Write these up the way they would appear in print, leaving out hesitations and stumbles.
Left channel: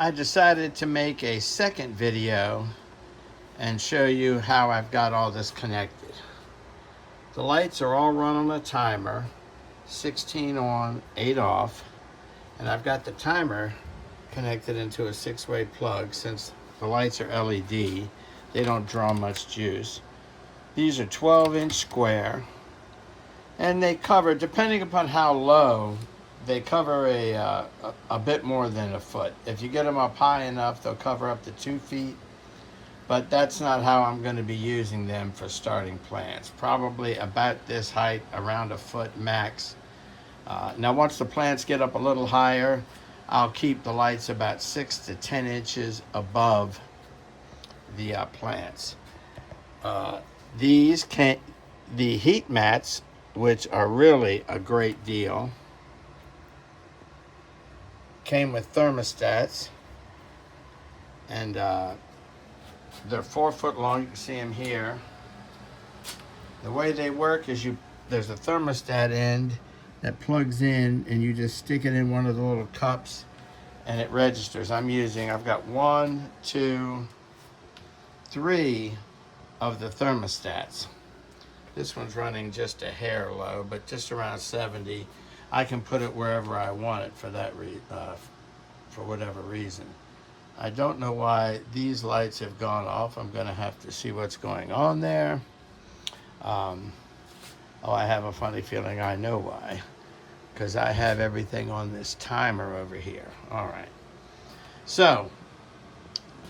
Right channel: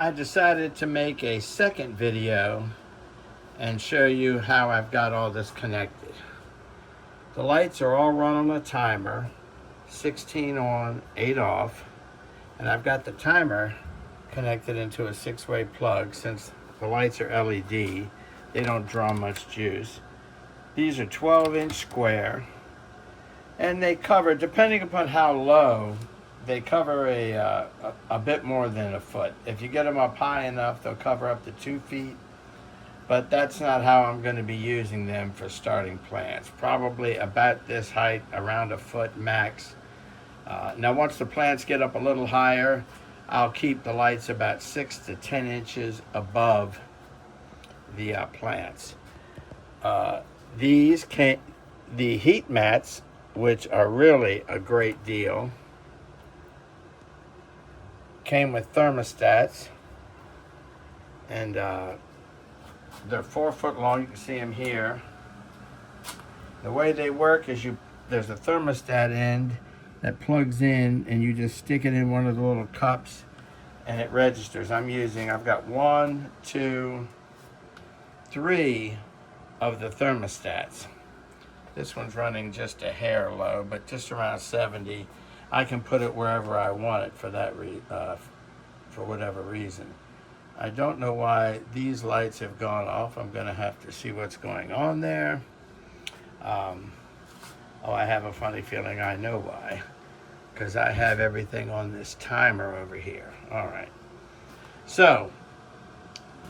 I decided to make a second video and show you how I've got all this connected. The lights are all run on a timer, 16 on, 8 off, and I've got the timer connected into a 6-way plug. Since the lights are LED, they don't draw much juice. These are 12-inch square, and they cover, depending upon how low, they cover a bit more than a foot. If you get them up high enough, they'll cover up to 2 feet. But that's not how I'm going to be using them for starting plants. Probably about this height, around a foot max. Now once the plants get up a little higher, I'll keep the lights about 6 to 10 inches above the plants. The heat mats, which are really a great deal, came with thermostats, and they're 4 foot long. You can see them here. The way they work is there's a thermostat end that plugs in, and you just stick it in one of the little cups and it registers. I've got 1, 2, 3 of the thermostats. This one's running just a hair low, but just around 70. I can put it wherever I want it for whatever reason. I don't know why these lights have gone off. I'm gonna have to see what's going on there. Oh, I have a funny feeling I know why, because I have everything on this timer over here. All right, so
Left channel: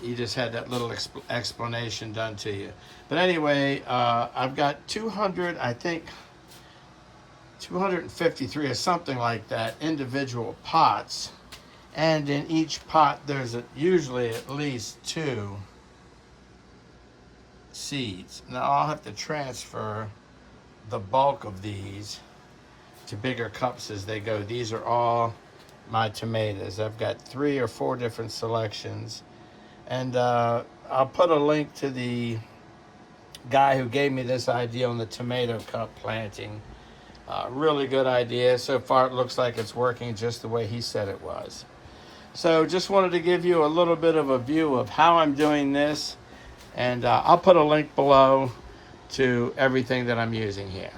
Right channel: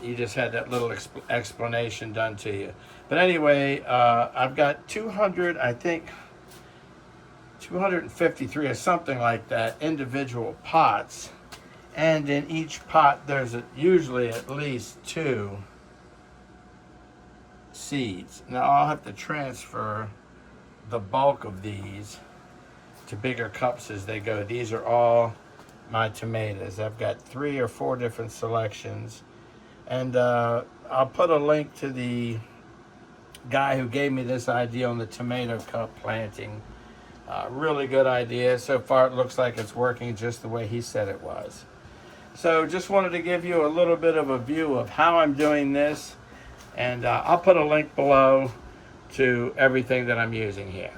you just had that little explanation done to you. But anyway, I've got 253 or something like that individual pots, and in each pot there's usually at least 2 seeds. Now I'll have to transfer the bulk of these to bigger cups as they go. These are all my tomatoes. I've got 3 or 4 different selections, and I'll put a link to the guy who gave me this idea on the tomato cup planting. Really good idea. So far it looks like it's working just the way he said it was. So just wanted to give you a little bit of a view of how I'm doing this, and I'll put a link below to everything that I'm using here.